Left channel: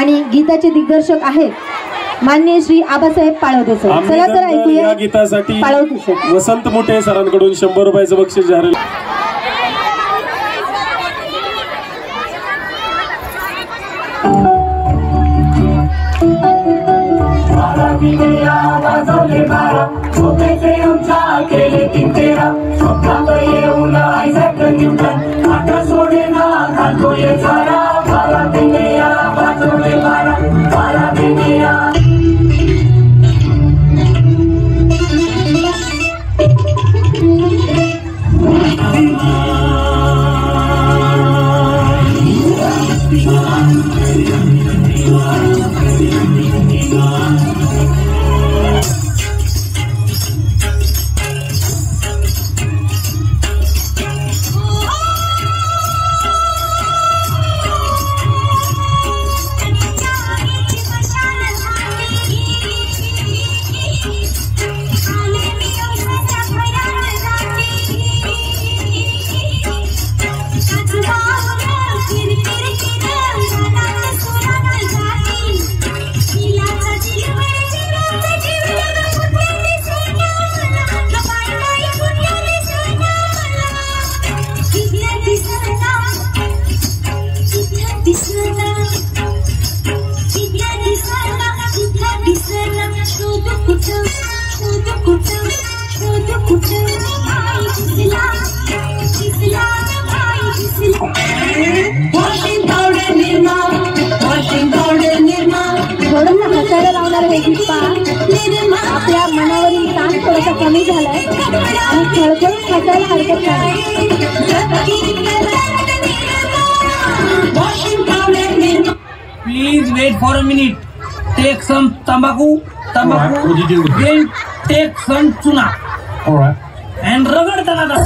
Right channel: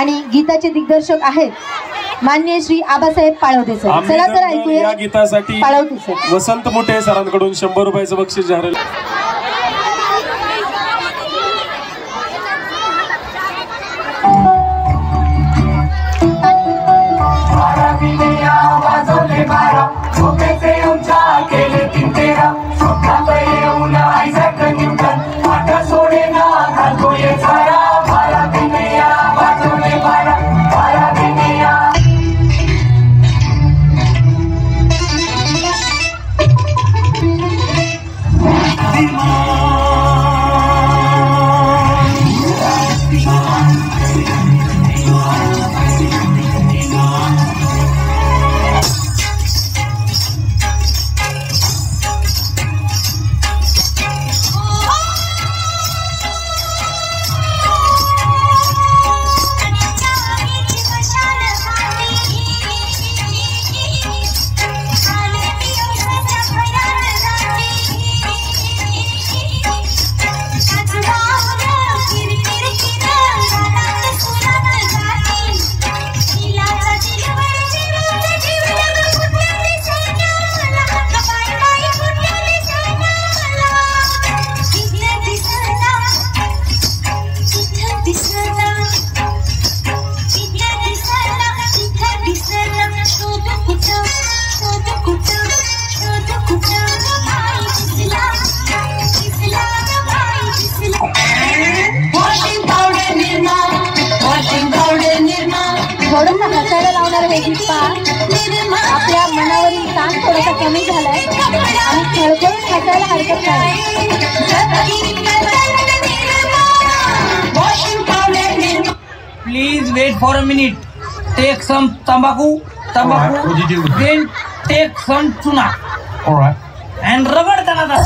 आणि गीताचे दिग्दर्शक आहेत माननीय श्री आबासाहेब पाळवते सर. चला तर ऐकूया या गीतासाठी पाळवते सर. वसंत मोठे सरांकडून 100 रुपयाचं बक्षीस जाहीर. Please wait for a minute. Take some tambaku, then take some tuna. All right. And ragad danada.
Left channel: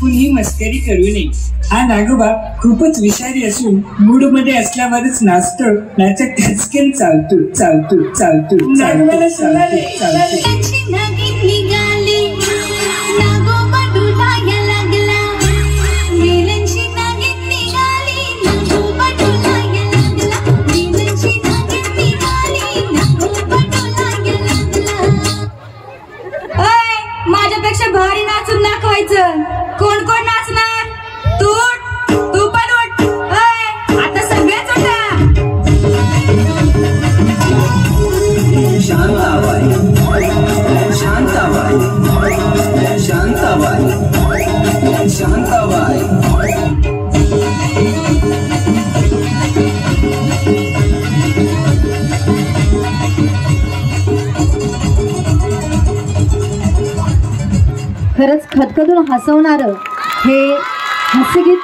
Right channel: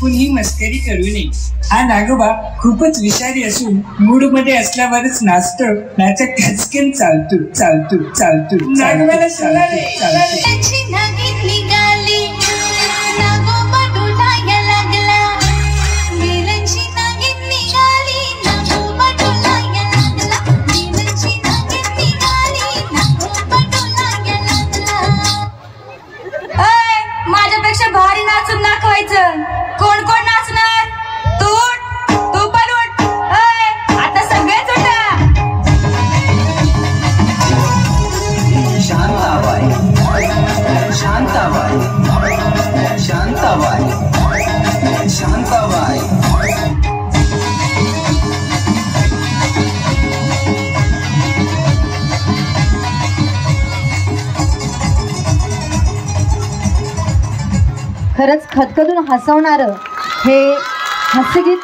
कुणीही मस्करी करू नये. हा नागोबा खूपच विषारी असून मूड मध्ये असल्यावरच नाचतो, नाचा खचकन चालतो चालतो चालतो चालतो चालतो चालतो. माझ्यापेक्षा भारी नाचून दाखवायचं. कोण कोण नाचणार? तू पण उठ. आता सगळेच उठा. शांताबाई शांताबाई शांताबाई शांताबाई. खरंच खदखदून हसवणारं हे हास्यगीत